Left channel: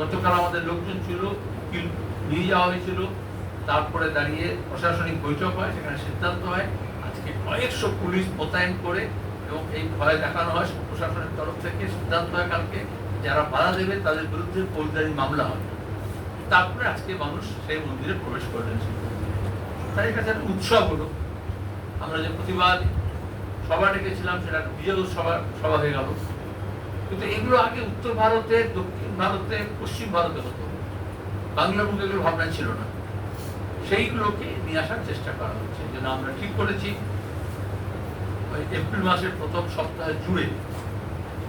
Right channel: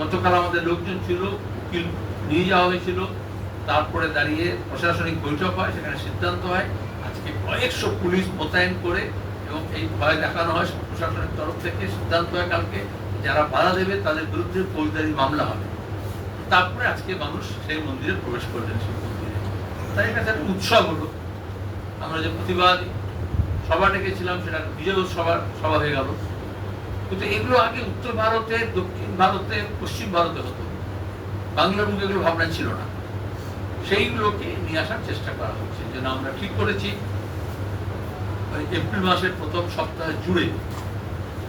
গতকাল আমাদের লোকজন ছিল নিয়ে যাওয়া হয়েছিল। তারপরে দাঁড়িয়ে প্রশাসনিক বৈঠক হয়, সেখানে সিদ্ধান্ত হয়। আজকে কয়েকশো পুলিশ মোতায়েন করে এবং এই ভয় দেখানো হয় প্রশাসনের তরফ থেকে সিদ্ধান্ত হয় কালকে, যারা বাধা দেবে তাদের বিরুদ্ধে ফৌজদারি মামলা হবে। তারপরে আজকে মানুষ সেই মন্দিরে প্রবেশ করলেন শিব মন্দিরে। তাই এটা একটা উৎসব হলো। আমরা যে প্রতিবাদ সভা ডেকেছিলাম, সেটা বিজয় সভা সভা হয়ে গেল। কিন্তু এগুলো আগে উত্তর ভারতে, দক্ষিণ ভারতে, পশ্চিম ভারতে হতো। বাংলা মুখে এগুলো ভাবনা ছিল না। সেইগুলোকে নিয়ে আসার চেষ্টা করা হচ্ছে যেন আমরা ঠিক করেছি। এপ্রিল মাসের প্রথম সপ্তাহ জুড়ে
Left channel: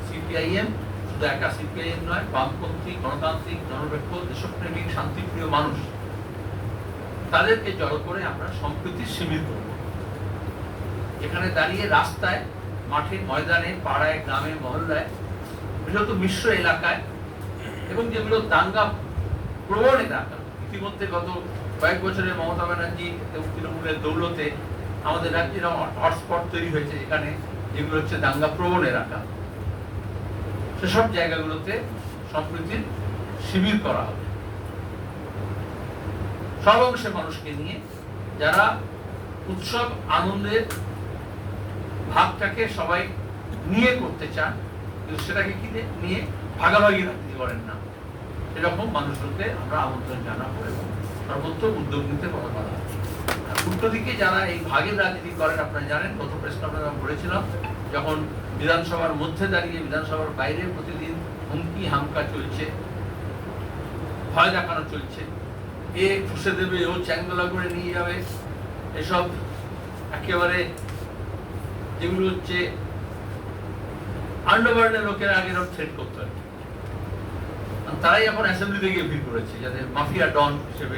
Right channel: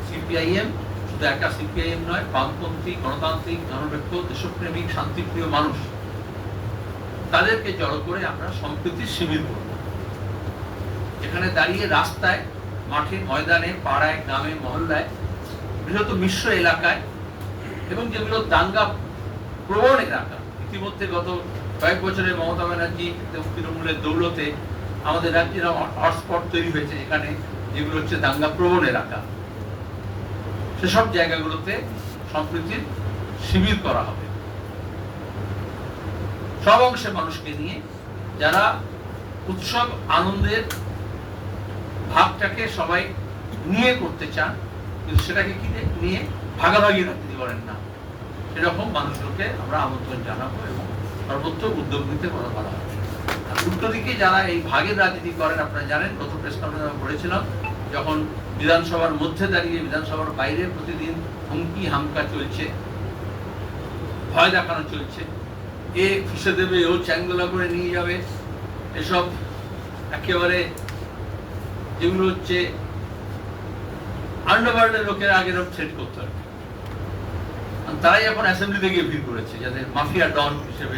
সিপিআইএম, শুধু একা সিপিআইএম নয়, বামপন্থী, গণতান্ত্রিক জনবেক্ষ দেশপ্রেমিক, শান্তিপ্রিয় মানুষ, তাদেরকে জড়ো করে আমরা সম্প্রীতির শিবির করব। এখানে দাঁড়িয়ে রাস্তায়, মাঠে, ময়দানে, পাড়ায়, গ্রামে, মহল্লায় বৃহৎ মিশ্র এলাকায় এবং যেগুলো দাঙ্গা প্রবণ এলাকা। ইতিমধ্যে গত কয়েক বছরে মমতা ব্যানার্জি তৃণমূলের দৌলতে আমাদের রাজ্যের হটস্পট তৈরি হয়েছে এখানে, যেগুলো হচ্ছে দাঙ্গা প্রবণ এলাকা। সেসব জায়গাগুলোতে সম্প্রীতির শিবির করা হবে। সব অংশে মানুষকে নিয়ে যারা উৎসব আনন্দের ভাবটাকে সবাই নিয়ে করতে চান কিন্তু সেটাকে কি নিয়ে ভাগাভাগি রাজনীতি করেন না। এরকম মানুষকে আমরা আমন্ত্রণ জানাব এবং সর্বত্র উদ্যোগ নিতে বলা বলা আর উল্টো দিকে যারা এই ভাগের রাজনীতি করেন, আপনারা জানেন গত প্রেস কনফারেন্স আমরা বলেছিলাম, যখন বিধানসভার মধ্যে দাঁড়িয়ে, বিধানসভার বাইরে প্রতিদিন হুমকি, হামকা চলছে, ভয় দেখানো চলছে, এ ফুসে দেবে, ও চ্যাংদোলা করে নিয়ে যাবে, এসব একেবারে যেগুলো হচ্ছে আন্ডারওয়ার্ল্ডের লোকেরা আগে এরকম থ্রেট করতে হয়। তারাই এখন অ্যাসেম্বলিতে গিয়ে ভিড় করেছে যাদের মাফিয়া ডন হিসেবে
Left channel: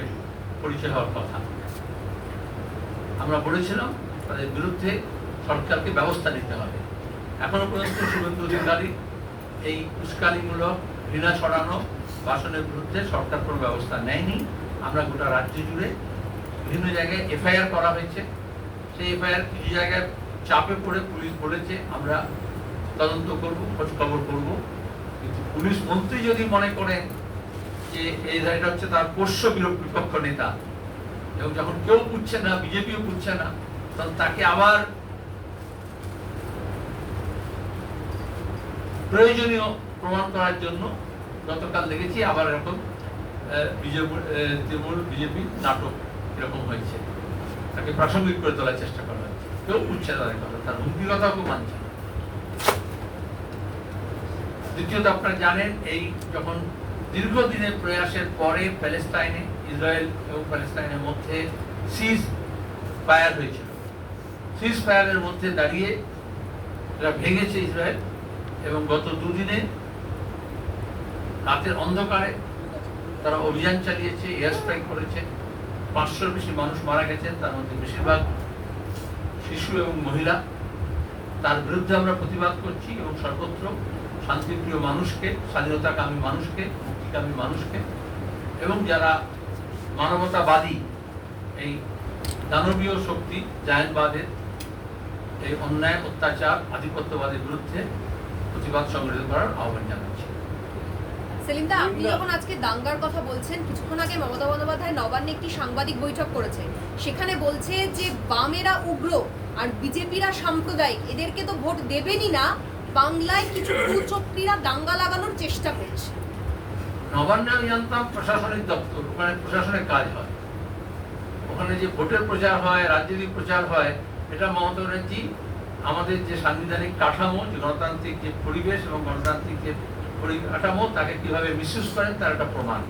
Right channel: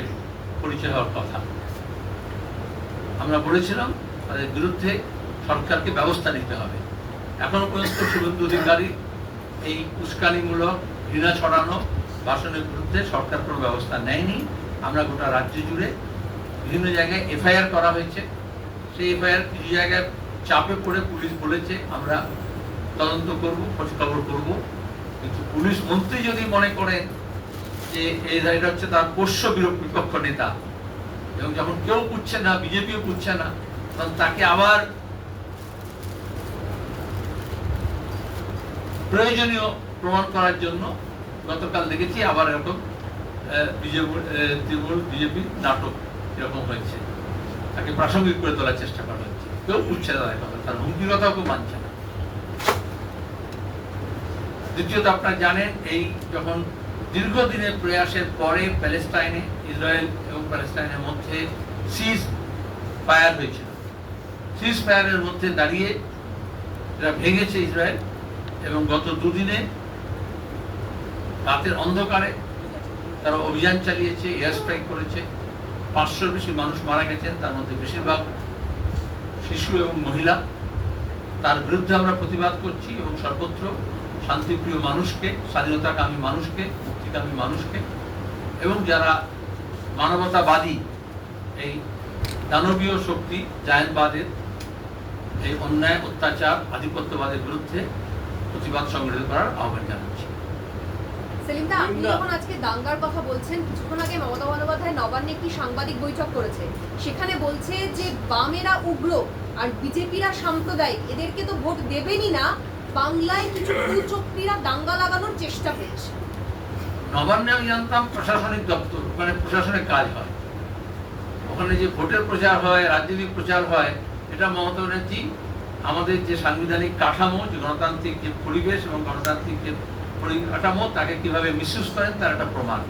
পরিচয় হওয়ার কথা। আমরা বলেছিলাম, তাদের বিরুদ্ধে সরকারকে ব্যবস্থা নিতে হবে। এখনও পর্যন্ত শুভেন্দু অধিকারী এই উস্কানিমূলক ঘৃণা ছড়ানো ভাষণের বিরুদ্ধে সরকার কোনো ব্যবস্থা নেয়নি। আমরা গোটা রাজ্য জুড়ে বিভিন্ন জায়গায় এফআইআর করা হয়েছে। সেই এফআইআর কিছু জায়গায় চাপে পড়ে পুলিশ বলেছে, আমরা তদন্ত করব খোঁজ খবর করব। কিন্তু পুলিশ মন্ত্রী যদি মনে করেন যে এই এটা হচ্ছে তার পোষ্য বিপক্ষ নেতা, এবং যখন কেউ বুঝছে না, বিজেপিও বুঝছে না, তখন তাকে আবার প্রয়োজনীয় প্রমাণ করার জন্য গতকাল দেখেছি আবার এরকম তৃণমূল বিজেপি নাটক এরকম হয়েছে। তাকে প্রাসঙ্গিক করে তোলার চেষ্টা করা হচ্ছে। কেউ বুঝছে না, তার হুমকি কথাও কেউ মানছে দ্বিতীয়ত আপনারা জানেন, এই যখন দীর্ঘদিনের প্রয়াসের পরে প্যালেস্টাইনে ইসরায়েল এবং প্যালেস্টাইনের মধ্যে সিজ ফায়ার হয়েছিল সিজ ফায়ারের মধ্যে দাঁড়িয়ে এরা ভেঙেছে ইসরায়েল এবং গত দুদিনে রাতের অন্ধকারে তারা অভিযান চালিয়েছে এয়ার স্ট্রাইক করেছে। পাঁচশোর বেশি মানুষ মারা গেছেন, তার মধ্যে বেশিরভাগ শিশু এবং মহিলা। তার বিরুদ্ধে আমরা প্রতিবাদ করছি এবং সর্বত্র শান্তিপ্রিয় মানুষকে স্বাধীনতাকামী মানুষকে মুক্তিকামী মানুষকে এবং যারা মানবতাবাদী এই দানবীয় শক্তি জায়নবাদের এই অন্যায় অত্যাচার আধিপত্যবাদের বিরুদ্ধে প্রতিবাদ সংগঠিত করার আহ্বান জানাচ্ছি। সেলিমদা আপনি যখন আজকে দাঙ্গার কথা বলছেন কিছুক্ষণ আগে মমতা বন্দ্যোপাধ্যায় নবান্নে একটি সাংবাদিক বৈঠক করেছে সেখানে বলছে যে বামেরা উগ্র আর বিজেপিরা সাম্প্রদায়িক এদেরকে তো ভোট দেবেনই না বাংলায় কিছু দাঙ্গা লাগানোর চেষ্টা করছে। নবান্নে আমি জানতাম প্রশাসনিক দপ্তর প্রশাসনের কাজ হয়। ওখানে যে ভোটের প্রচার হয়, রাজনৈতিক প্রচার হয়, এটা মমতা ব্যানার্জি, আমাদের যে সাংবিধানিক কাঠামো, যে গণতান্ত্রিক যে পরিবেশ এবং গণতান্ত্রিক যে পরিকাঠামো তাকে কীভাবে মিসইউজ করেন তার একটা প্রমাণ।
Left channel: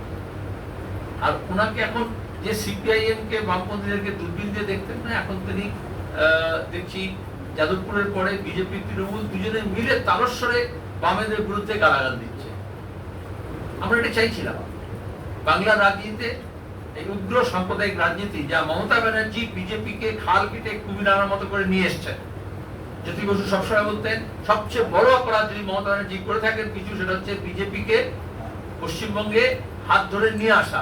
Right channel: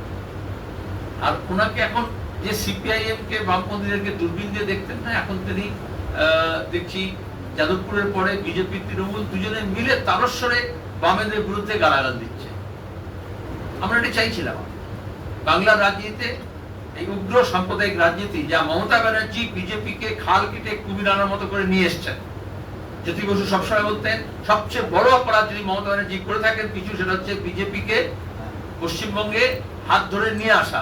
আর ওনাকে এখন যে সিপিআইএম কে বামপন্থীদেরকে দূরবীন দিয়ে দেখতেন না, এখন তিনি দেখছি যাদবপুরের পরে বিজেপি, তৃণমূল দুজনে মিলে তারস্বরে বামেদের বিরুদ্ধে গালাগাল দিচ্ছে। আমরা এটা চাইছিলাম। বাংলার রাজনীতিতে এই উগ্র সাম্প্রদায়িক রাজনীতি যা মমতা ব্যানার্জি বিজেপিকে খাল কেটে কুমির আনার মতো করে নিয়ে এসছেন। জ্যোতি বসু সবসময় বলতেন, সবচেয়ে বড় অপরাধ যদি মমতা ব্যানার্জি করে থাকেন, কিছু সেটা হচ্ছে বিজেপিকে পশ্চিমবঙ্গে হাত ধরে নিয়ে আসা,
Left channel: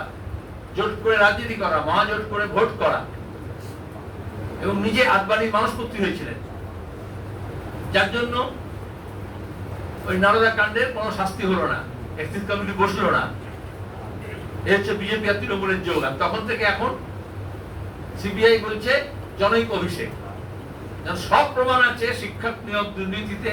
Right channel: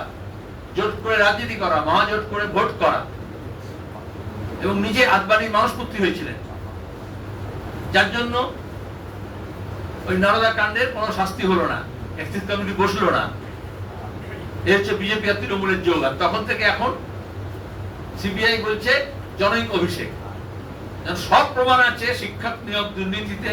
জোট করে রাজনীতি করা, মহাজোট করে ভোট করা। এবং নিজে আদবানির মানুষপুত্রী হয়েছিলেন। যার জন্য ওই নারদা কাণ্ডের কোনো শাস্তি হলো না এক্সিস কমিটি বসল না। এই হচ্ছে বিজেপি আর তৃণমূলের যোগ আর তখন থেকে এখন সিবিআই বলছে, জনৈক অভিষেক। সব প্রমাণ আছে, শিক্ষক নিয়োগ দুর্নীতিতে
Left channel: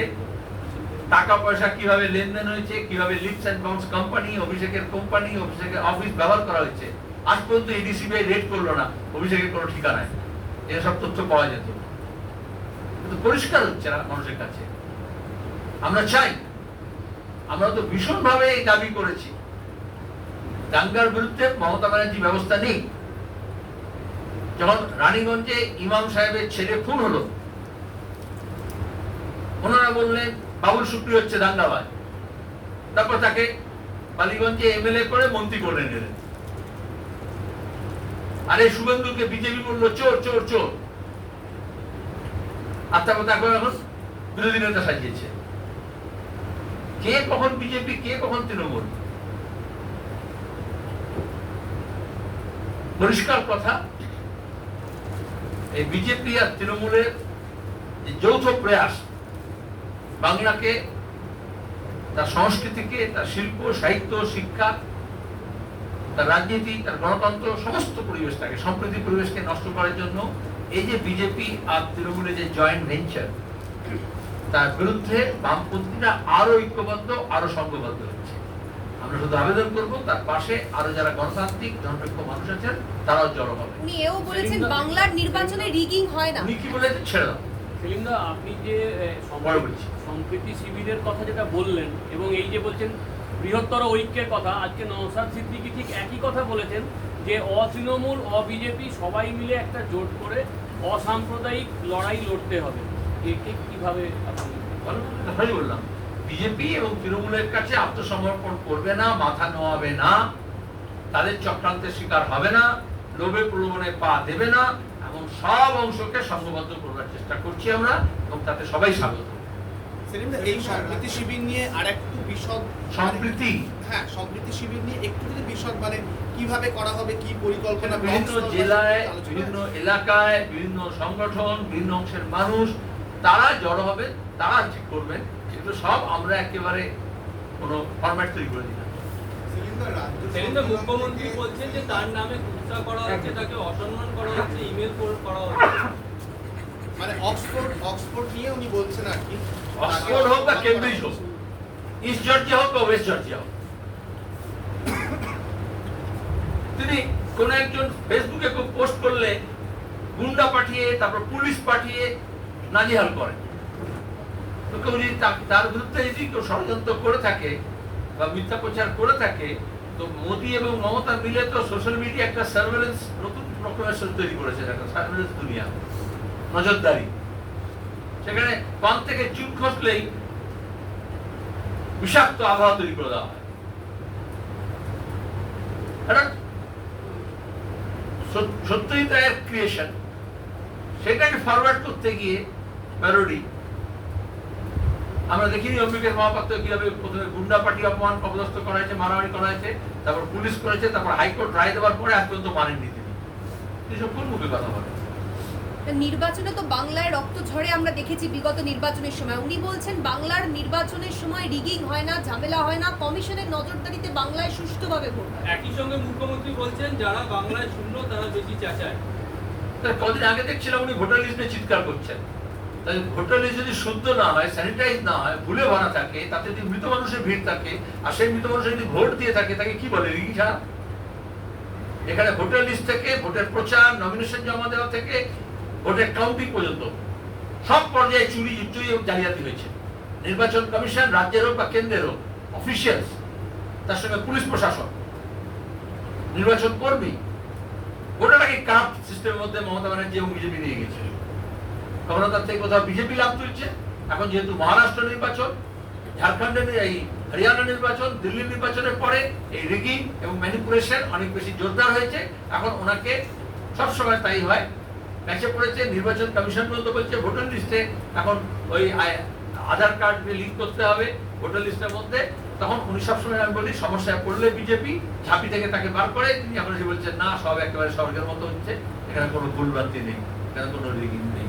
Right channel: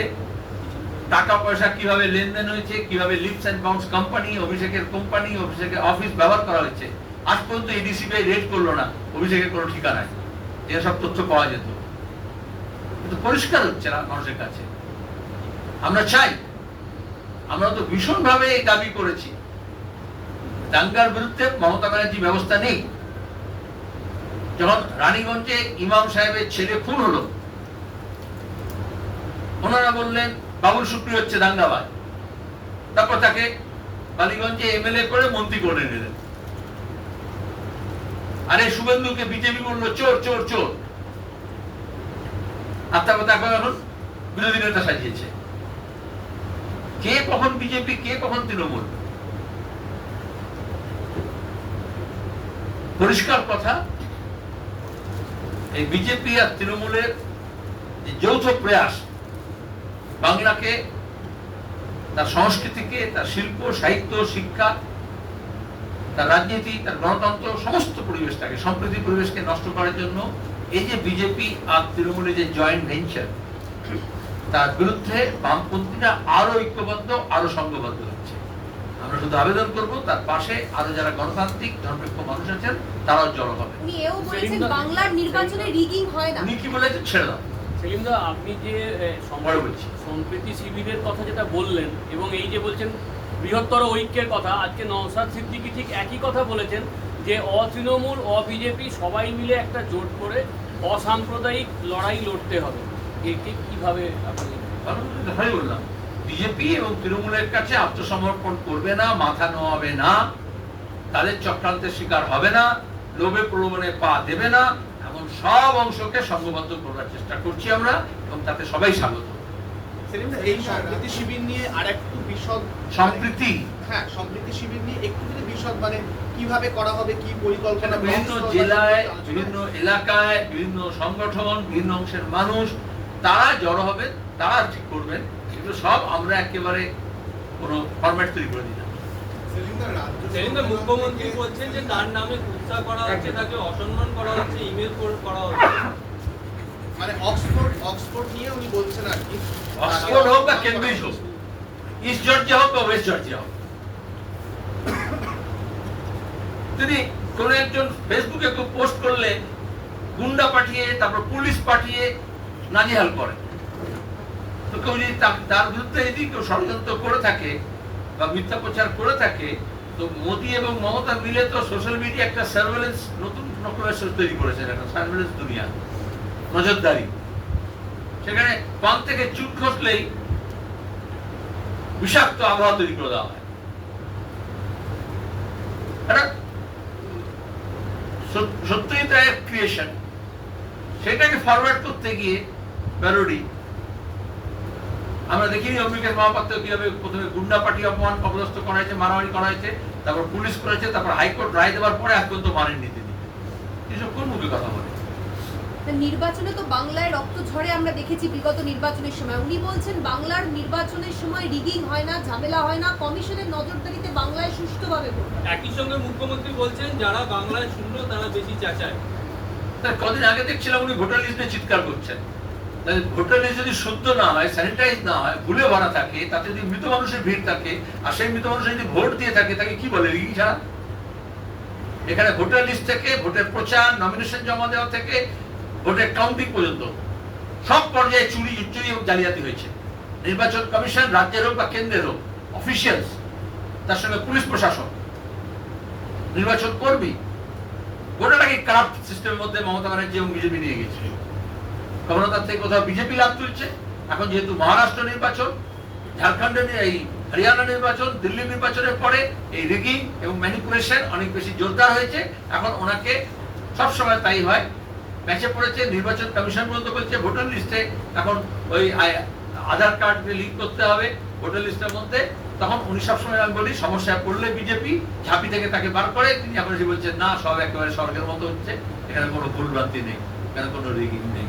টাকা পয়সা কীভাবে লেনদেন হয়েছে, কীভাবে লিপস অ্যান্ড বাউন্স কোম্পানি অভিষেকের কোম্পানি অভিষেকের অফিস ব্যবহার করা হয়েছে। আজ পর্যন্ত এডিসিবিআই রেড করল না, অভিষেকের কোনো ঠিকানায়। এসব তথ্য পাওয়া যেত। কিন্তু পরিষ্কার হচ্ছে না মানুষের কাছে। আমরা চাই, আমরা তো ভীষণভাবে এই দাবি করেছি। দাঙ্গার বিরুদ্ধে মমতা ব্যানার্জি ব্যবস্থা নেই। যখন রানীগঞ্জে ইমাম সাহেবের ছেলে খুন হলো, ওনারা বললেন, বাবুল শুক্রি হচ্ছে দাঙ্গাবাজ। তারপর তাকে বালিগঞ্জে এমএলএ করে মন্ত্রী করে নিলেন। আরে শুভেন্দুকে বিজেপি বলল, চোর চোর চোর। আর তারপর এখন বিরোধী নেতা সাজিয়েছে। কে কখন বিজেপি, কে কখন তৃণমূল? পরিষ্কার কথা, এই বিজেপি আর তৃণমূলের যৌথ প্রয়াস, বাংলাকে, তার সংস্কৃতিকে, তার শিল্প, সাহিত্য, শিক্ষা, তার রাজনীতি, তার গণতন্ত্র, সমস্ত পরিবেশটাকে সম্প্রীতি পরিবেশকে নষ্ট করার জন্য এই যে বিজেপি আর তৃণমূলের যে জয়েন্ট ভেঞ্চার তার বিরুদ্ধে বামপন্থীরা আরও ঐক্যবদ্ধ আরও সংঘবদ্ধ হচ্ছে। আমরা শুধু আবেদন করব তার পাশে আরও যারা গণতান্ত্রিক ধর্মনিরপেক্ষ মানুষ আছেন তারাও জড়ো হবে। বাংলার নির্বাচনে রিগিং হয় না। উনি কি বলেছেন? ছেড়ে দাও। সেলিমদা আপনি যে। সম্প্রীতি শিবিরের কথা যেটা বললেন এবং এই যে বলছেন বৃহত্তর ঐক্যের কথা আজকে নওশাদ সিদ্দিকী ঠিক একই কথা বলেছেন যে অতৃণমূল অবিজেপি সবাই মিলে একটা জোট করে অসাম্প্রদায়িক লড়াই লড়তে হবে। একে কীভাবে আপনি বললাম। বিজেপি এবং তৃণমূলের কাছে আত্মসমর্পণ করবে না মাথা নোয়াবে না তাদের চক্রান্তের শিকার হবে না লোভে প্রলোভনে পা দেবে না এমন সব অংশকে সংঘবদ্ধ করার চেষ্টা করছি আমরা এবং তাতে সবাই স্বাগত। এই সম্প্রীতি শিবির নিয়ে আর একটু বিশদ সম্প্রীতি? হ্যাঁ সম্প্রীতি শিবির নিয়ে একটু যদি বিশদ মানে কীভাবে করা হবে কি পরিকল্পনা বিভিন্ন জেলায় বিভিন্ন এলাকায় বিভিন্ন সংগঠন বিভিন্ন অংশের মানুষ তারা জড়ো হবে তারা ঠিক করবেন কিন্তু সব আমরা একেবারে কোনো ফরম্যাট তৈরি করে সেদিনকে মুখ্যমন্ত্রী বলছেন যে তার নামে কুৎসা করা হচ্ছে তাকে অসম্মান করা হচ্ছে ইমেল করা হচ্ছে। মানে অক্সফোর্ড অক্সফোর্ড নিয়ে উনি বলছেন আর কি। অক্সফোর্ড হোক বা কেমব্রিজ হোক ইস্ট জর্জিয়া হোক বা ওয়েস্ট জর্জিয়া হোক। তিনি কোন একজন ফেসবুকে পোস্ট করলে গুন্ডা পাঠিয়ে, তারপর পুলিশ পাঠিয়ে নাজেহাল করেন তো কেউ যদি তার বিরুদ্ধে যদি কেউ ষড়যন্ত্র করে থাকে বা মিথ্যা প্রচার করে থাকে, তো মোদী এবং মমতা মিলে তো সোশ্যাল মিডিয়া একটা সার্ভেলেন্স নতুন রকমের তৈরি করেছেন একটা সার্ভেলেন্স দুনিয়া, নজরদারি। সেখানে পান থেকে চুপ খসলেই বিষাক্ত আবহাওয়া তৈরি করে দেওয়া হয়। একটা তাই ক্রিয়েশন সেটাকে ফরওয়ার্ড করতে গিয়ে প্যারোডি আমরা দেখিনি অম্বিকের মহাপাত্র কীভাবে প্রথমে গুন্ডা পার্টি অপমান অপদস্থ করা হয়েছে মারামারি করা হয়েছে তারপর পুলিশ করেছে, তারপর হাইকোর্ট রায় দেওয়ার পরে আজ পর্যন্ত মানেননি তিনি। এসব কোন মুখে কথা বলে? নির্বাচনে তো বাংলায় রক্ত ঝরে আমরা দেখেছি বিগত নির্বাচনের সময়। উনি বলছেন বাংলার নির্বাচনের সময় রিগিং হয় না ঝামেলা হয় না কমিশনের নজরদারিতে বাংলায় সুষ্ঠুভাবে ভোট হয়। একই সঙ্গে মুখ্যমন্ত্রী বলছেন যারা বাংলায় শূন্য তারা বেশি চাচায়। কদিন আগে দেখছিলাম উনি ভোটার লিস্ট নিয়ে চিৎকার করছেন। তাহলে ভোটার লিস্ট যদি শুদ্ধ না হয় স্যানিটাইজ না হয় ভুলে ভরা থাকে তাতে যদি মৃত মানুষের ভিড় থাকে আর সেই মৃত মানুষের যদি ভোট দিয়ে থাকে তাকে কি বলে রিগিং ছাড়া? এখানে ভোটার লিস্ট থেকে ভোটের প্রচার নমিনেশন জমা দেওয়া থেকে ভোটের কাউন্টিং পর্যন্ত সব পর্যায়ে চুরি চুরি এবং জালিয়াতি হয়েছে। নির্বাচন কমিশন রাজ্যের হোক বা কেন্দ্রের হোক অফিসিয়ালস তার সঙ্গে পুলিশ প্রশাসন, নির্বাচন কর্মী গোটাটাকে কারাপ্ট সিস্টেমের মধ্যে মমতা ব্যানার্জি এবং বিজেপি নিয়ে গেছে? কখনো থেকে কোথাও বিজেপি লাভ তুলছে? এখন যেহেতু মহারাষ্ট্র নির্বাচন, ঝাড়খণ্ডের এই হরিয়ানা নির্বাচন, দিল্লি নির্বাচনের পরে এই রিগিং এবং ম্যানিপুলেশন অনেক বেশি জোরদার হয়েছে। এখন ওনাকে সবসময় তাই হয় ম্যাচে পড়েছে, নির্বাচন কমিশন পর্যন্ত বলছে ভোটার লিস্টে এখন ওই আধার কার্ড লিঙ্ক করতে হবে ভোটার লিস্টের মধ্যে, তখন উনি সবসময় আমি বলি, সমস্যায় পড়লে বিজেপি ঝাঁপি থেকে তাকে বার করে, তিনি এখন বলছেন, না, সব একেবারে স্বর্গের মতো হচ্ছে, এখানে কোনো ভুলভ্রান্তি নেই, এখানে কোনো রিগিং নেই।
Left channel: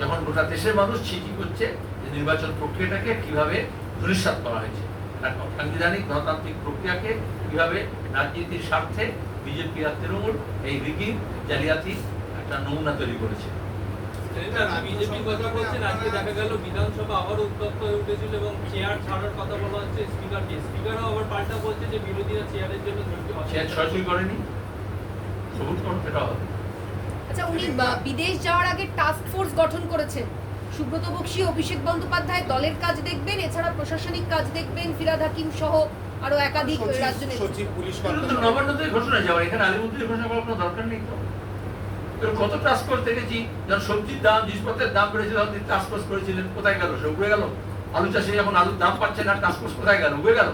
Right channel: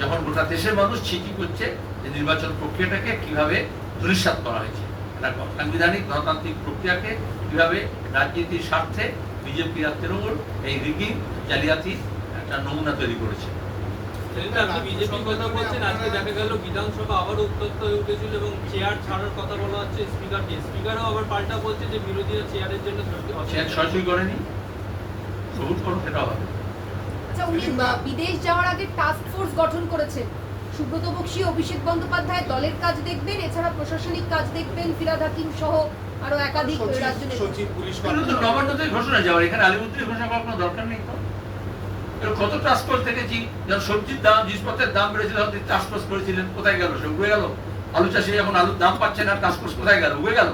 যখন গোটা দেশের মানুষ ছিটি করছে যে নির্বাচন প্রক্রিয়াটাকে কীভাবে ধূলিসাৎ করা হয়েছে সাংবিধানিক গণতান্ত্রিক প্রক্রিয়াকে কীভাবে রাজনীতির স্বার্থে বিজেপি আর তৃণমূল এই রিগিং, জালিয়াতি একটা নমুনা তৈরি করেছে। সেলিম দা, আপনি বিজেপির কথা বলছেন আজকে দেখা গেল বিধানসভা আবারও উত্তপ্ত উঠেছিল এবং চেয়ার ছাড়ার কথা বলা হচ্ছে স্পিকারকে স্পিকারও আবার পাল্টা বলছে যে বিরোধীরা চেয়ারের জন্য ধরতে পারছে সে না। সরাসরি করেনি? সবুজ করুন সেটাও হবে। আচ্ছা উনি বিদেশ যাওয়ার আগে টাস্ক ফোর্স গঠন করেছেন। সুব্রত বক্সী অভিষেক বন্দ্যোপাধ্যায় দলের কাজ দেখবেন এছাড়া প্রশাসনিক কাজ দেখবেন ফিরাদ হাকিম সহ আরও একাধিক রাজ্য সচিব পুলিশ ঘোষণা যাওয়ার এখানে ঘোষণা কোনো দরকার নেই কত ফোর্স দেখেছি? যখন সবজির দাম, জিনিসপত্রের দাম বেড়েছিল তিনি করেছিলেন, কোথায় গেল? সে উড়ে গেল। আলু চাষে যখন আলুর দাম পাচ্ছে না ফোর্স কোথায় গেল? উড়ে গেল।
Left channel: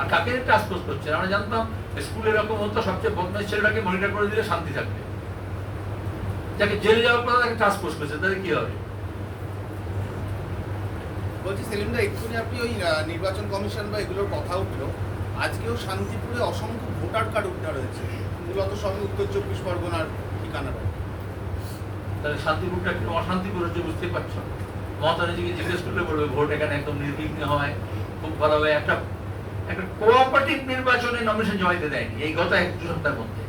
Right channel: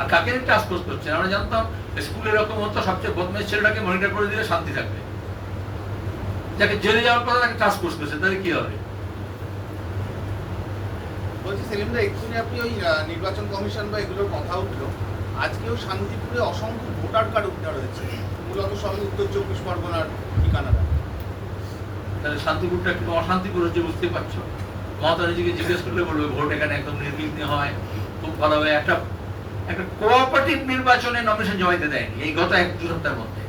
আর কাকে ফোর্স করছে? আমরা জানতাম স্কুলে এরকম হতো, সবচেয়ে বদমাইশ ছেলেটাকে মনিটর করে দিলে শান্তি থাকবে। যাকে জেলে যাওয়ার কথা তাকে ফোর্স করছে, তাহলে কি হবে? বলছি, সেলিমদা, এক্ষুনি আপনি ওই নির্বাচন কমিশন বা এগুলোর কথা উঠল। আজকেও শান্তিপুরে অসংখ্য ভোটার কার্ড উদ্ধার হয়েছে। মূলত সবই উত্তর চব্বিশ পরগনার ঠিকানা তাহলে শান্তিপুরটা একটু অশান্তিপুর হচ্ছে, বুঝতেই পারছ? মমতা নিজেকে জিজ্ঞেস করলে বলবে, ভোট এখানে একদম নির্বিঘ্নে হয়, খুব ভালো হয়। একটা একটা কোঅপারেটিভ নির্বাচনে নমিনেশন জমা দিতে দেয়নি, এই গত এক, দুই সপ্তাহের মধ্যে।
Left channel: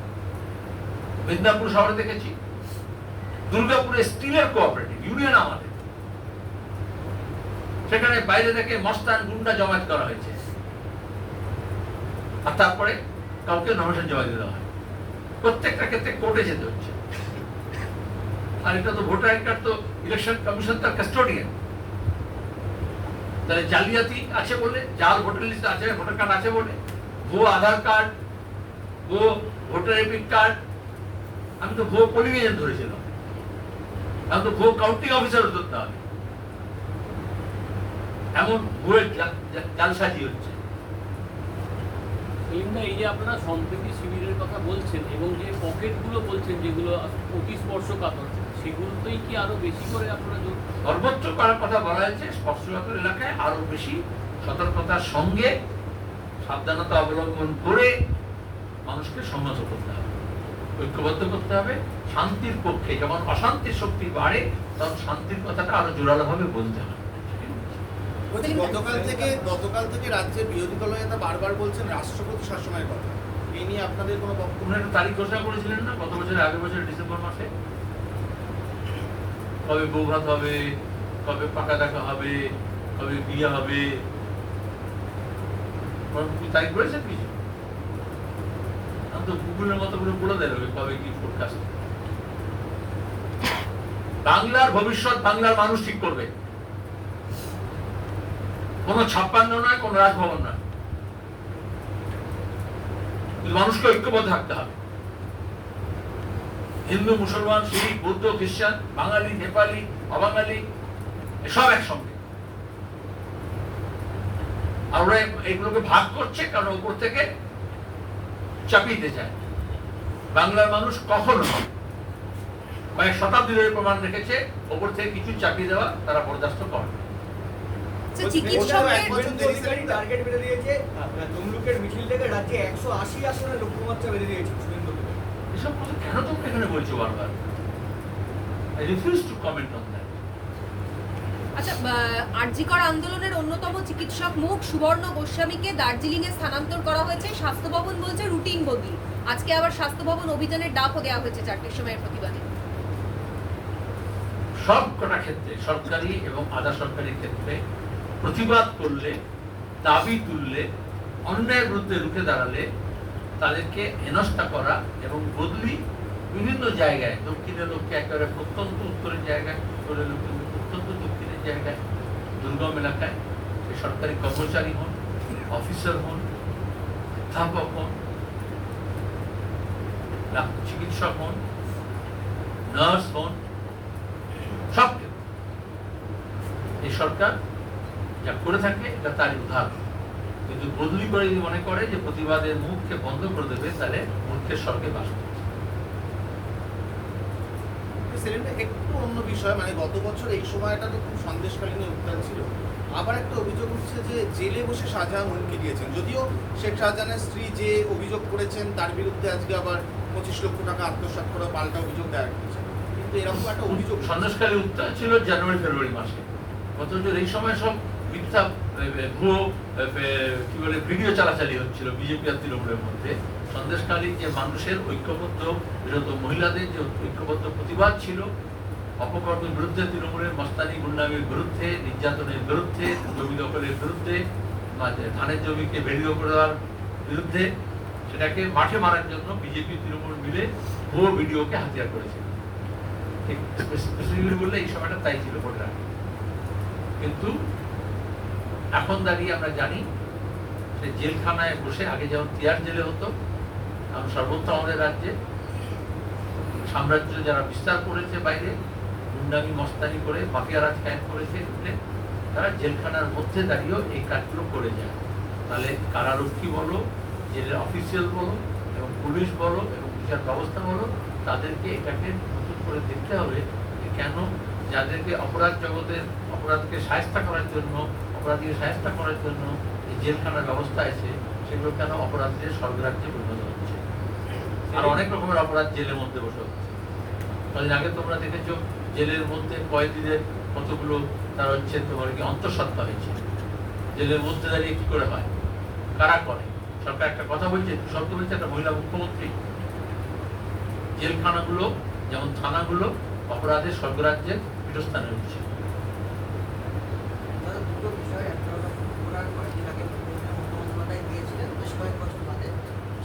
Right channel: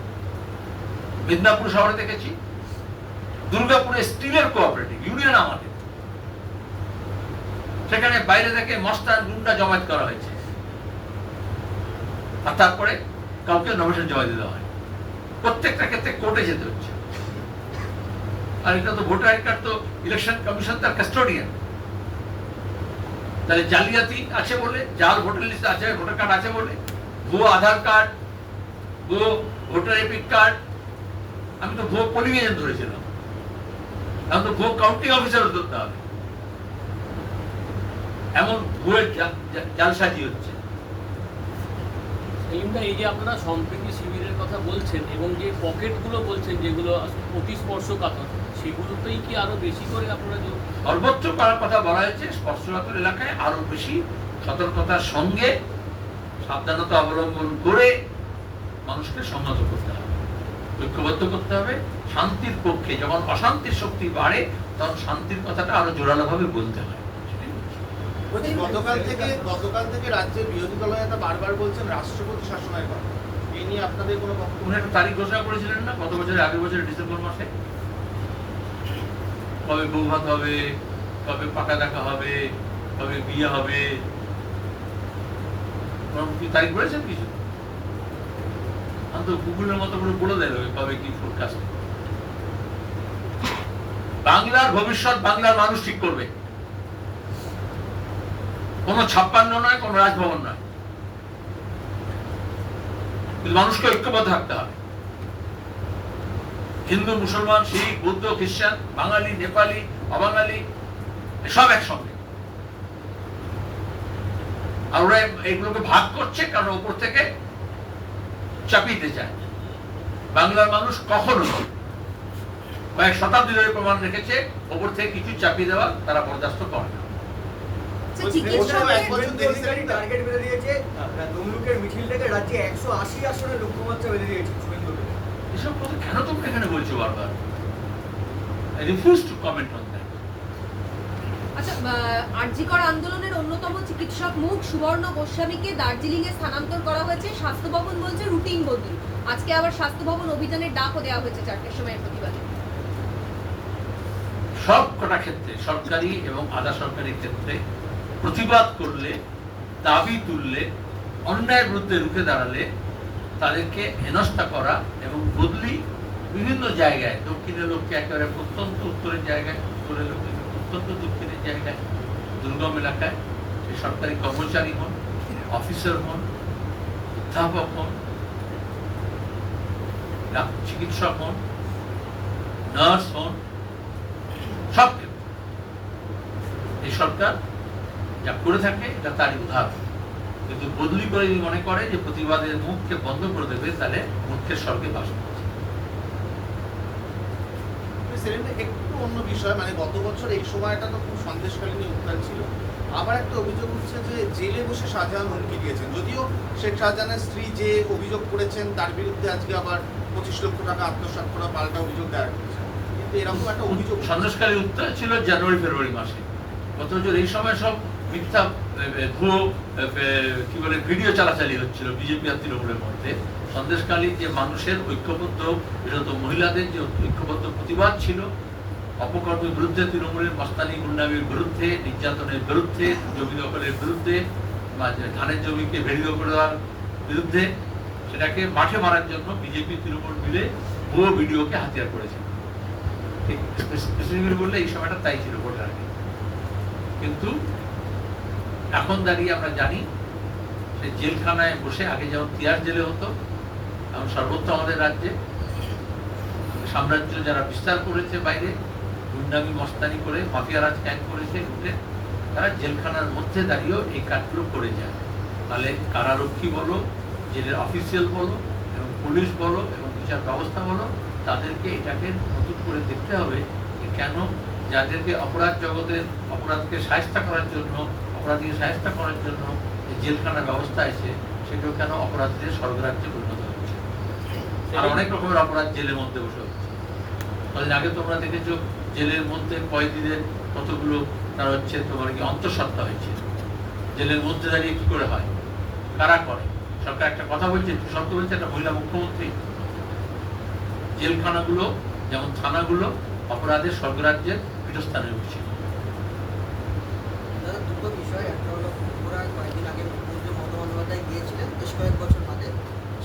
মিদনাপুর শহরে দেখেছি, দুর্গাপুরে স্টিলের কোঅপারেটিভ ইউনিয়ন আমাদের। সেখানে বাইরে থেকে মস্তান গুন্ডা জমায়েত করা হয়েছে। আর তারপরে কাউকে নমিনেশন জমা দিতে হয়। প্রত্যেকটা ক্ষেত্রে কোর্টে যেতে হচ্ছে। আর এটা তো ভোটার আইড কার্ড তো ইলেকশন কমিশন তার কাস্টোডিয়ান তাহলে জালিয়াতি আছে বলে, যার ভোটার লিস্ট আছে ভোটার কার্ড আছে বলে ভুয়ো আধার কার্ড ভুয়ো ভোটার এপিক কার্ড আমি তো ভুয়ো পোলিং এজেন্ট ধরেছিলাম। আমি তো ভুয়ো কাউন্টিং অফিসার ধরতে হবে। এমন ভুয়ের জালসাজি হচ্ছে। সেলিমদা এই যে আপনারা সম্প্রীতি শিবিরের কথা বলছেন এবং যে পকেটগুলো বলছেন যেগুলো অতি স্পর্শকাতর সেগুলোতেই কি আরও বেশি করে আপনারা সর্বোচ্চ করার কথা বলা হয়েছে স্পর্শকাতর এলাকায় আরও বেশি সতর্কতার সঙ্গে সাবধানতা অবলম্বন করে মানুষকে সংহত করতে হবে, ঐক্যবদ্ধ করতে হবে, শান্তির পক্ষে, যখন অশান্তির শক্তি বাড়ে, তখন শান্তির কথাটা আরও জোরালোভাবে বলতে হয়। গতকাল থেকে গতকাল থেকে রাজ্যের বিরোধী দল নেতা বারবার বলছেন রাষ্ট্রপতি শাসনের কথা এই নিয়ে আপনাদের কোনো উনি একটা তারিখ ঘোষণা করেছিলেন না? গত বছরের, আগের বছরের ডিসেম্বর মাসে? কবে বউ ভাত হবে, কবে পাকা দেখা হবে, কবে বিয়ে হবে? তারিখ বলেছেন কিছু? আমি তো গুগলের মতো করে বলে দেয় ওই কবে কি ফোরকাস্ট বাংলার ভবিষ্যৎ বাংলার মানুষ ঠিক করবে। কোনো ছাপ্পান্ন নয়, কোনো রাজভবন নয়। মানুষকে ঐক্যবদ্ধ থাকতে হবে। হিন্দু, মুসলমান, শিখ, বৌদ্ধ, খ্রিস্টান, বাঙালি, নেপালি, অবাঙালি, সব একসঙ্গে। আর ওরা এগুলোকে ভাগ করছে কারণ উপর থেকে চাপিয়ে চায়। বাংলার মানুষ কখনো কয়েক শতাব্দী ধরে প্রমাণ রেখেছে, ওপর থেকে কিছু চাপিয়ে দেওয়া তারা বরদাস্ত করে না আচ্ছা, বলছি, চিকিৎসকদের ওটা এক বছর শুভেন্দু অধিকারী টার্গেট বেঁধে দিয়েছে। তমলুকের মিছিল থেকে রাজ্যে একশো আশি আসনের লক্ষ্যমাত্রা বেঁধে দিয়েছে শুভেন্দু এসব কথা কেন তোমরা এখানে বলছো বারবার? I refuse to comment on that আচ্ছা আরজিকর আন্দোলনের অন্যতম চিকিৎসক মুখ সুবর্ণ গোস্বামীকে দার্জিলিং এ স্থানান্তর করা হয়েছে। স্বাস্থ্য ভবন বলছে রুটিন বদলি। আজকে আবার স্বাস্থ্য ভবন অভিযানের ডাকও দেওয়া হয়েছে চারটের সময়ের প্রতিবাদে। সব কটা ক্ষেত্রে সরকারি এবং আধা সরকারি ক্ষেত্রে প্রতিবাদ করলে, দাবি তুললে অন্যায়ের বিরুদ্ধে রুখে দাঁড়ালে তাদেরকে হেনস্থা করা এবং বদলি বিভিন্ন জায়গায়, দক্ষিণের লোককে একেবারে প্রত্যন্ত উত্তরের জায়গায়, উত্তরের লোককে প্রত্যন্ত দক্ষিণের জায়গায়, দুর্গম এলাকায়, সে সরকারি কর্মচারী হন, অফিসার হন, অধ্যাপক হন চিকিৎসক হন, নার্স হন, সব। এই সরকার যা করে থাকে এটা তারই উদাহরণ। কিন্তু বদলি করে যদি মনে করে যে প্রতিবাদের মুখকে বন্ধ করে দেবে তাহলে মুখের স্বর্গে বাস করছে। একটু অন্য বিষয় মানে গত বছর এই সময়টা তো খুব সন্দেশকালীন উত্থান ছিল। আবার একটা অভিযোগ উঠছে যে জেলে বসে শাহজাহান হুমকি দিয়েছেন। যদিও শেখ শাহজাহানের স্ত্রী যে অভিযোগ করেছেন তার বিরুদ্ধে আজকে আবার পঁচিশ লক্ষ টাকা আত্মসাৎ করা পাল্টা অভিযোগ দেওয়া কিন্তু এরকম একটা অভিযোগ সন্দেশকারী উত্তর ছিল জানুয়ারি ফেব্রুয়ারি মাসে। বছর এই সময় সব মিথ্যা ভুয়ো কি বলে, ভিডিও চালাচালি হচ্ছিল বিজেপি আর তৃণমূলের মধ্যে। সন্দেশকালী যে মানুষের ঐক্যবদ্ধ, বিরত মহিলাদের যে ঐক্যবদ্ধ প্রতিবাদ ছিল, অপকর্মের বিরুদ্ধে, তৃণমূলের মস্তানি বিরুদ্ধে, নির্যাতনের বিরুদ্ধে, জমি দখলের বিরুদ্ধে ধানের জমিকে বেরিয়ে দেওয়ার বিরুদ্ধে, সেটাকে মাঠে মারার জন্য বিজেপি, তৃণমূল মিলে ভুয়ো ভিডিওকে হাতিয়ার করেছে। বললে এই সময়টা তাই ছিল কিন্তু এখন দাঁড়িয়ে আমরা জানি সে জেলখানায় বসে, আগে যেমন তিয়ার জেলে হতো, এখন সর্বত্র আমাদের রাজ্যে। সাম্রাজ্য যারা বিস্তার করেছে বাইরে, গুন্ডামি, মস্তানি করে, মাফিয়া রাজ ক্যাম্প করেছে, ঢুকলে তারা জেলখানার মধ্যে দাঁড়িয়েও এই কাজগুলো করে যায়। তাহলে কারারক্ষী বলো, জেলের অফিসিয়াল বলো, এবং পুলিশ বলো, এবং বিচার ব্যবস্থা বলো, তাদেরকে এটাকে নতুন করে দেখতে হবে কেন যাদেরকে অপরাধ জগতের অপরাধকে সাহায্য করার জন্য অপরাধীকে সাহায্য করার জন্য জেলখানার ব্যবস্থা আছে, সেগুলো কেন অপরাধীদের স্বর্গরাজ্যে পরিণত হচ্ছে? আর অনেক রকমের অপরাধ জেলের মধ্যে বসে হচ্ছে। কদিন আগে তোমরা দেখেছ, জেলের মধ্যে কয়েদিদের কতগুলো তার হচ্ছে তোমার কি অন্তঃসত্ত্বা হয়েছে। জেলের মধ্যে দাঁড়িয়ে কি করে হয়? কারা করে? সরকার একটা কথা বলছে শব্দ বলছে, একটা মহিলা মুখ্যমন্ত্রী। জেলখানাগুলো, যেমন থানাগুলো অপরাধের স্বর্গরাজ্যের পীঠস্থানে উঠছে বিষয় একটা ত্রিপুরায় কয়েকদিন বেশ কয়েক বছর ধরে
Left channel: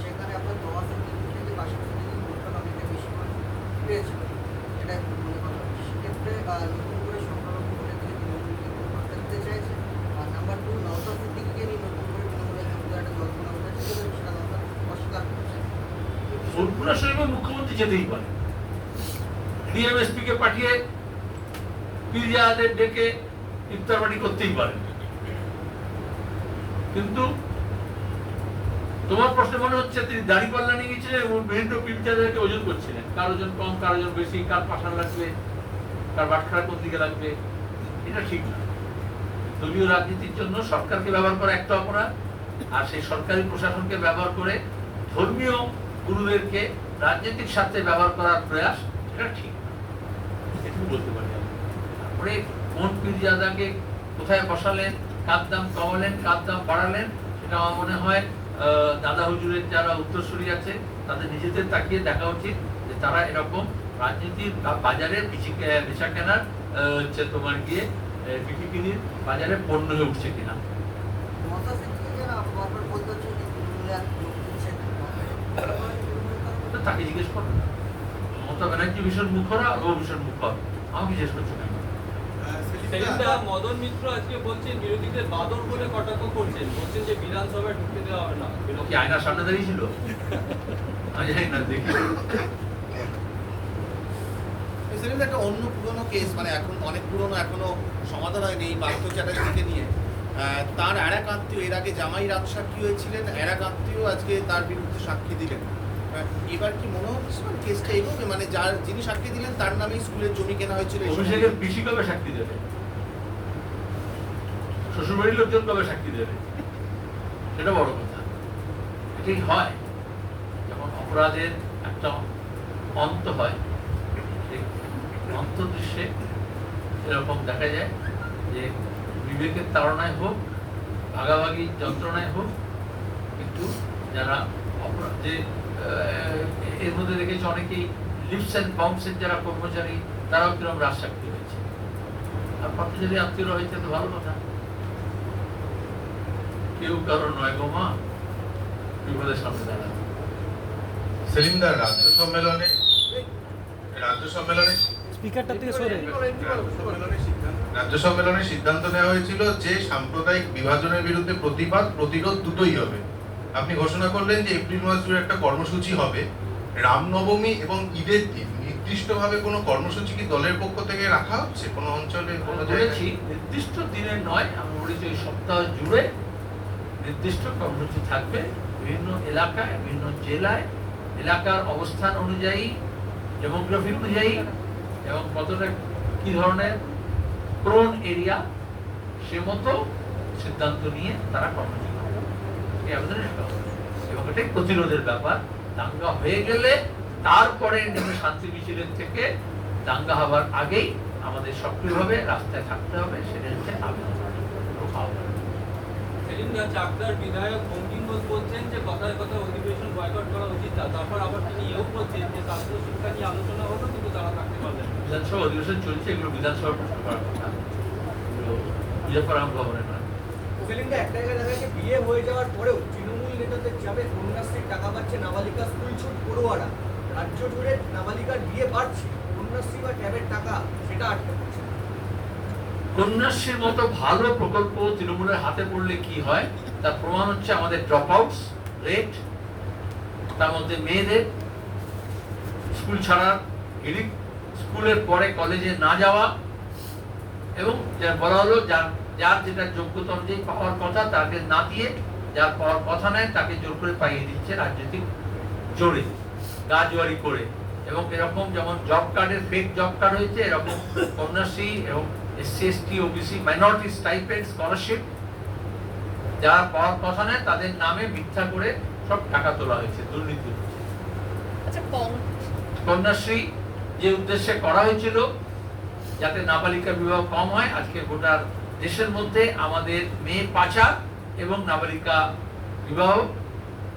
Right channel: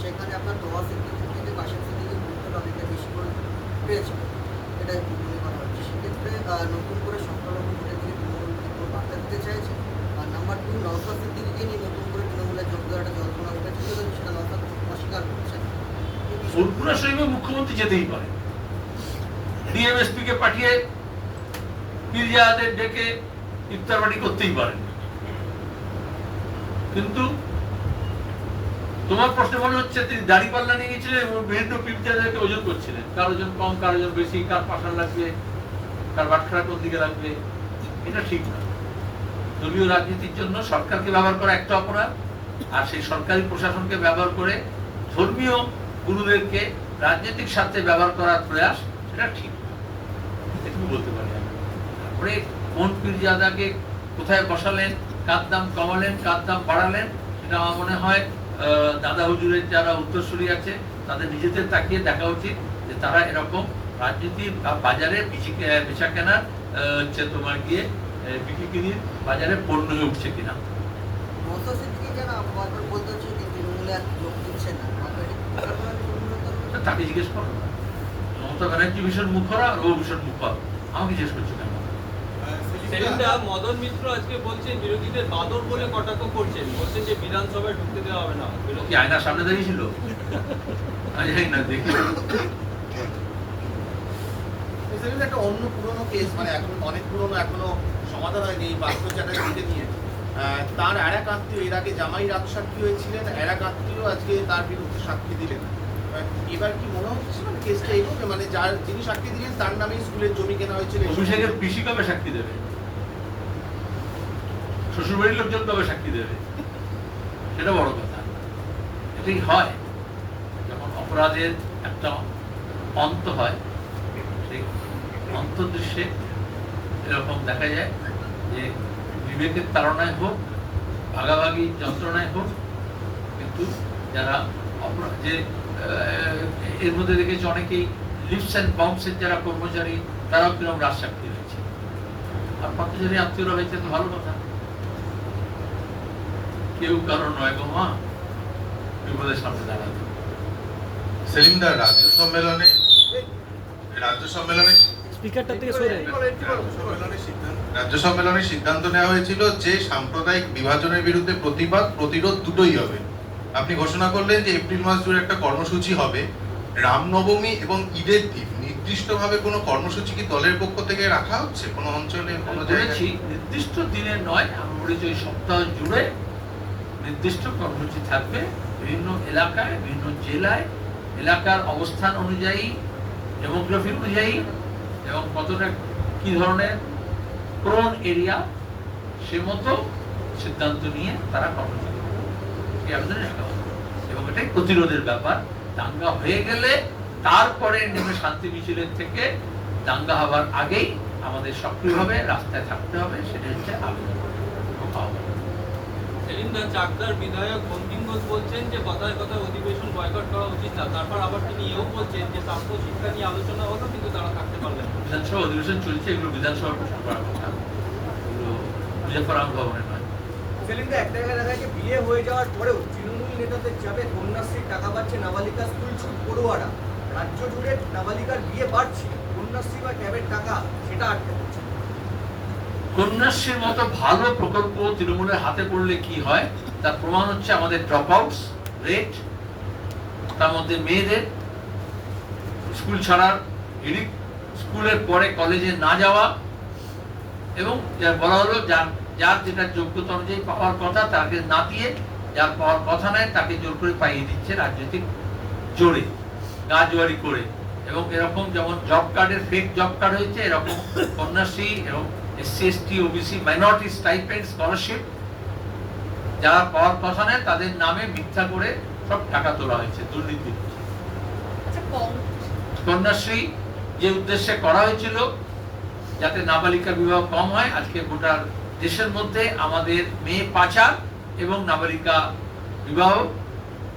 সেখানে আপনার সিদ্দিকি থেকে ভোটটা অনেকটা বেশি করে এটা মনে নতুন করে আর নাম্বার টু নওসাদ সিদ্দিকিকে নিয়ে নতুন করে তৃণমূলের একটা জল্পনা উঠেছে এবং সেটা নওসাদ অস্বীকার করছে ফুলপুরা শরীফে মুখ্যমন্ত্রী যেতেই পারে। ডিএমএসপি কে পাঠিয়ে পিরিয়াদের ডেকে ইফতার পার্টি করতেই পারেন। কিন্তু তোমার প্রশ্ন মনে হচ্ছে তিনি দাড়ি পাল্লা নিয়ে গেছিলেন এবং বিভিন্ন পিরিয়াদেরকে ওজন করছিলেন। কার ওজন কম, কার ওজন বেশি, কার পাশান লাগবে, কার বাটখারা কোন দিকে লাগবে, এটা ঠিক না। দলীয় রাজনীতির জন্য সরকারকে ব্যবহার করা একটা অপরাধ, আর সেই সরকারি প্রশাসনকে ব্যবহার করে ধর্মীয় গুরুদেরকে রাজনৈতিক স্বার্থে ব্যবহার করার প্রয়াস সেটা ঠিক। এটুকু বলতে পারি আমি। তারপরে কোন পীরজাদাকে কোথায় বসালেন, কার দাম কমালেন, কার দাম বাড়ালেন, সেটা আমার মনে হয় দাদা হুজুরের যারা উত্তরসূরি আছে, তাদের নিজেদের তাকিয়ে দেখা উচিত যে তারা এরকম রাজনীতি বা বাজারে বেচে- কেনার হচ্ছে তোমার গিয়ে বিক্রি বাজারে পণ্য হয়ে উঠছে কিনা। তাকে জিজ্ঞেস করো। মমতা ব্যানার্জি ভীষণ মুখরা ও ভীষণ মুখর। আমাকে জিজ্ঞেস করছ কেন? মদন মিত্র আজকে বলছেন বিরোধীদের বাদর বলে কটাক্ষ করছেন। বলছেন যে বিধানসভায় ঢুকতে দেওয়া হবে না। আয়নার সামনে দাঁড়িয়ে ছিল? না দেখি। একটা অন্য পুরনো কেস মানে এখন অনেক পুরনো এখনও সমাধান হয়নি এই পার্থ চ্যাটার্জিকে নিয়ে। তার আর এক আত্মীয় এর আগে জামাই রাগ সাক্ষী হয়েছিলেন? আর এক আত্মীয় আজকে তার বিরুদ্ধে সাক্ষী দিলেন। এবার কি মনে হচ্ছে কেসটা এগোবে মানে যার যিনি সাক্ষী দিলেন তার নামে স্কুলের জমি কেনা হয়েছিল এই অভিষেকের কবে সাক্ষী দেবে। শ্বশুর বাড়ির লোকজন কবে সাক্ষী দেবে। সেটা বড় কথা। এটাই হয়। যখন অপরাধের একটা অন্ত হয়, সেই অন্তর্দৃশ্যে এরকম দেখা যায় যে বিবেকের তাড়নায় হোক, ভাগাভাগি যন্ত্রণায় হোক, কিন্তু যারা অপরাধ যে এর মধ্যে দেখেছি অনেকেই লিপস অ্যান্ড বাউন্সের যারা কর্মচারী, তারাও কীরকম রাজ সাক্ষী হয়েছে। আর পথচারী আত্মীয়রা হয়েছে তো ভালো কথা। কেউ কারও নয় গো মা। বিপদের সামনে দাঁড়াবে সেলিমদার রাজ্য সম্মেলনে রাজ্য সম্মেলনে স্পিকারটা থেকে সরে। রাজ্য সম্মেলনে সিদ্ধান্ত নেওয়া হয়েছিল যে সাম্প্রদায়িক বিভাজনের বিরুদ্ধে প্রতিবাদ প্রতিরোধ দুটোই হবে। আপনি ঘোষণা করলেন যে এপ্রিল মাস জুড়ে একটা কর্মসূচি হবে। রামনবমী এবং ঈদের দিন নির্দিষ্টভাবে কোনো কর্মসূচি কি দলের পক্ষ থেকে রাখা হচ্ছে? কোনো অঞ্চলে কোনো জায়গায়? নির্দিষ্ট দিনে নয় আমি বলেছি সপ্তাহ জুড়ে নির্দিষ্ট কর্মসূচি থাকবে বিভিন্ন এলাকায়, বিভিন্ন জেলায় এলাকার অবস্থান অনুযায়ী ডেমোগ্রাফি অনুযায়ী এবং কতটা কি ধরনের প্রোন এরিয়া সে মতো সিদ্ধান্ত নিয়ে তারা কর্মসূচি করবে। এই আবেদন রাখা হবে। এবং এটাই প্রতিরোধের ব্যাপার দাঙ্গা হয়ে গেলে তারপরে নেমে শান্তি মিছিলের থেকে দাঙ্গা হবার আগেই আমাদের সক্রিয়ভাবে রাস্তায় থাকতে হবে সেটা হচ্ছে আবেদন আহ্বান। চাকদার বিধায়ক বঙ্কিম ঘোষ বলছেন যে কথায় কথায় অধিবেশন বয়কট করা উচিত না। তারপর আবার তিনি এও বলছেন যে ছাত্র শিক্ষা নিয়ে আলোচনা হলো কিন্তু তারা থাকতে পারলেন বিধানসভা অধিবেশন চলছে এগুলো বিধানসভার প্রশ্ন করার কথা। এগুলো মুজাফরাম ভবনের নয়। সেলিমদা একটা জায়গায় দেখা যাচ্ছে বিয়ে হয়ে যাওয়ার পরেও তৃণমূল নেতাদের চাপে কন্যাশ্রীর টাকা পাচ্ছে নাবালিকা স্কুল ছুট পড়ুয়ারা। রাজ্য জুড়ে নাবালিকার বিয়ে বাড়ছে কন্যাশ্রী বা ট্যাবের টাকা সেটা আটকে কন্যাশ্রীর মতো ভালো প্রকল্প তৃণমূলের হাতে পড়লে কি হয়? তার প্রমাণ হচ্ছে আমাদের ড্রপ আউটস রেট তার মধ্যে মেয়েদের স্কুল ছাড়ার হিড়িক স্কুলের পরে কলেজে না যাওয়া এবং যা বলা হলো যার যার যেটা যোগ্যতা অনুযায়ী পাওয়ার কথা তাকে না দিয়ে যার পাওয়ার কথা নেয় তাকে জোর করে পাইয়ে দিচ্ছে রাজনৈতিক জোরে, গাজোয়ারি করে। এবং এরকম যেমন জব কার্ডের ফেক জব কার্ড হয়েছে, এরকম কন্যাশ্রী এবং SC OBC minority stipend scholarship যারা পাওয়ার কথা নেয় তাদের নামে মিথ্যা করে সব টাকা তোলা হয়েছে দুর্নীতি হচ্ছে। আচ্ছা কন্যাশ্রী যে উদ্দেশ্যে করা হয়েছিল যাতে নাবালিকা বিবাহ কম হয় আজকে গোটা দেশের মধ্যে আমাদের মেয়ে পাচার এবং নাবালিকা বিবাহ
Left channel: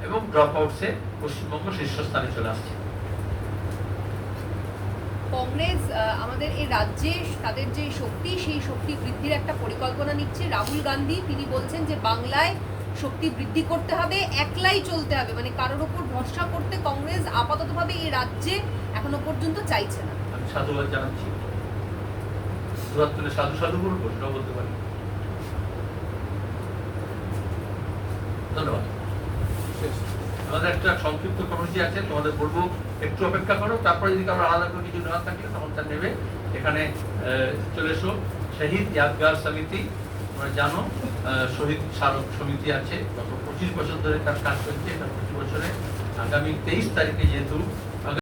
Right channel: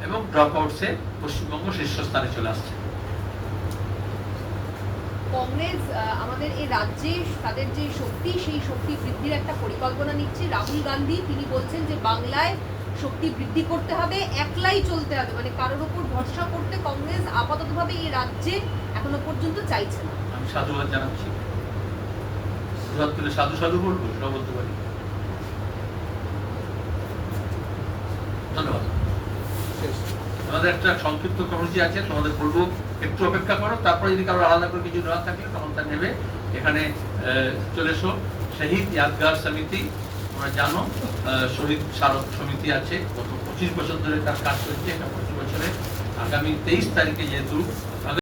এবং ড্রপ আউটসে পশ্চিমবঙ্গ শীর্ষস্থানে চলে আসছে। কংগ্রেস আমাদের এই রাজ্যে তাদের যে শক্তি, সেই শক্তি বৃদ্ধির একটা পরিকল্পনা নিচ্ছে রাহুল গান্ধী। তিনি বলছেন যে বাংলায় শক্তি বৃদ্ধি করতে হবে, একলাই চলতে হবে। মানে কারোর উপর ভরসা করতে কংগ্রেস আপাততভাবে এই রাজ্যে এখনও পর্যন্ত চাইছে না। সাধুবাদ জানাচ্ছি। সাধু সাধু বলতে পারি। ধন্যবাদ। আমাদের একটা সংক্ষিপ্ত কমিটি আছে, তোমাদের বলব, একটু অপেক্ষা করো, তারপরে যদি কারও আলাদা করে কিছু নেওয়া থাকে, তখন তা নেবে। এখানে চলে এসো, শহীদ ইয়াদগার সমিতি, তোমরা জানো শহীদ স্মারক সমিতি আছে, গত পঁচিশ বছর ধরে তার কাজ করছে এখানে পঁচিশ বছরে। আগামী তেইশ তারিখে যেহেতু